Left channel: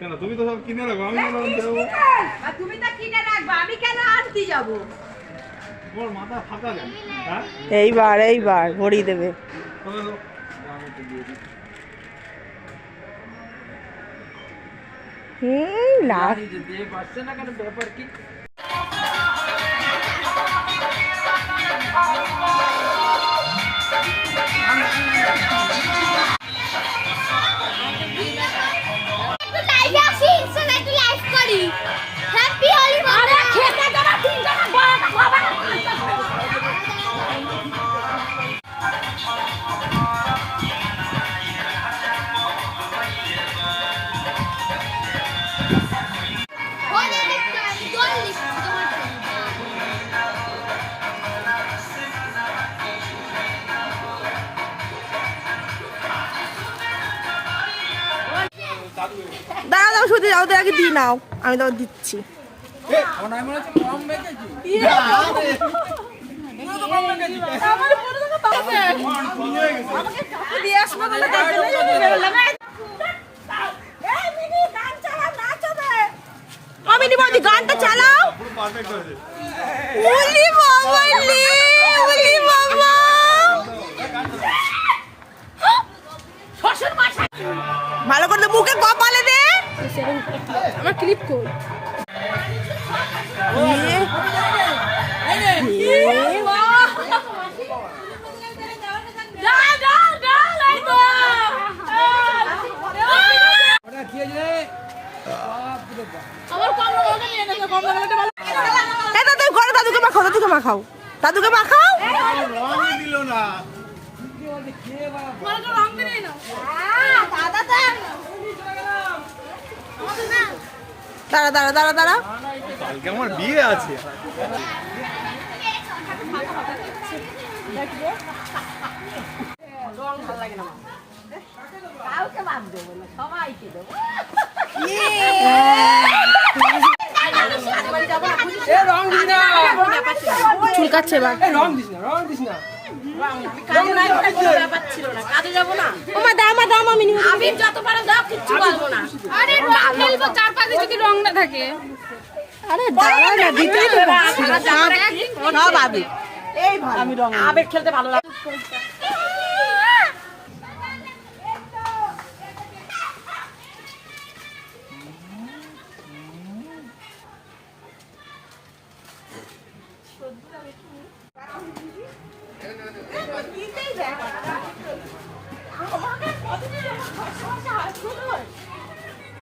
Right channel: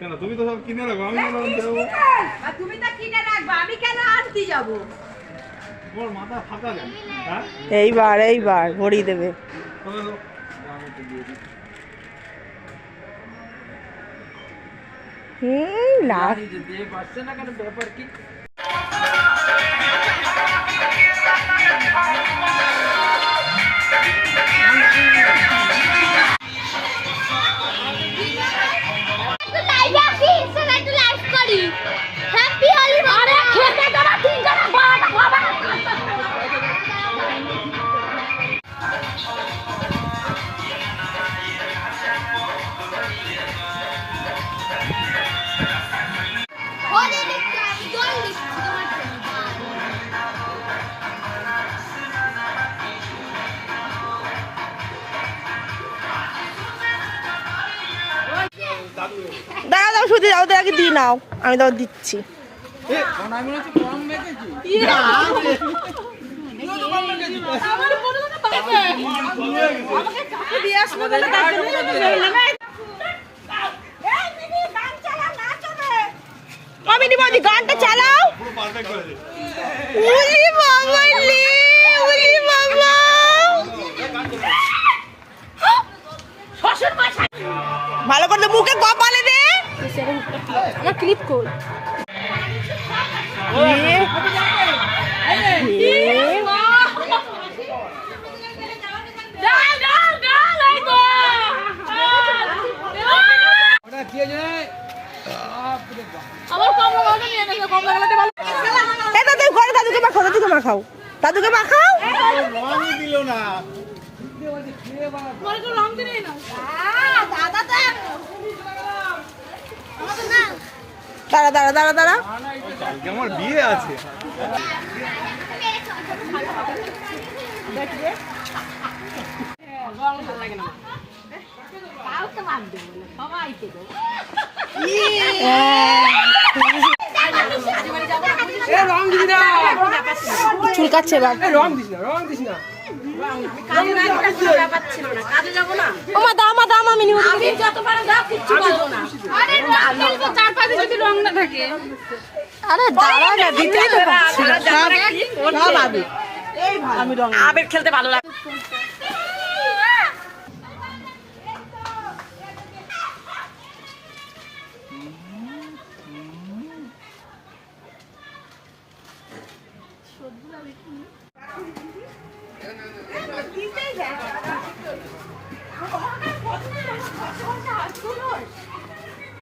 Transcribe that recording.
কেন তুমি তো সব কিনে রাখো, আমি কেন আনতে যাবো? আর তুমি তো কিনে রাখবা, আমি কেন আনতে যাবো? ওর মাথা ফাটা কেন? হ্যাঁ এইবার ভরিয়ে দেবে। না ব্যাপার কি? দাও শুধু দাও তো, আগে দিয়ে নাও, আমি দাও দিচ্ছি। আমি বৌদি গানটা চালাও। উলি বাবা লি, উলি বাবা। ভালো করে মুখে কপালে দে। আমার ক্লিপ কর। দাদুকে মাখাও, দাদুকে মাখাও, দাদুকে মাখাও। দাঁড়া দাঁড়া দাঁড়া দাঁড়া, আমার বিয়ে আছে। চুলকাচ্ছে এবার। ওমা দাও, মা দাও, আমি নিব। আরে দাঁড়াও না, দিতেই তো পারছি না। সব আবির, আমি রং আবির খেলতে ভালো লাগে।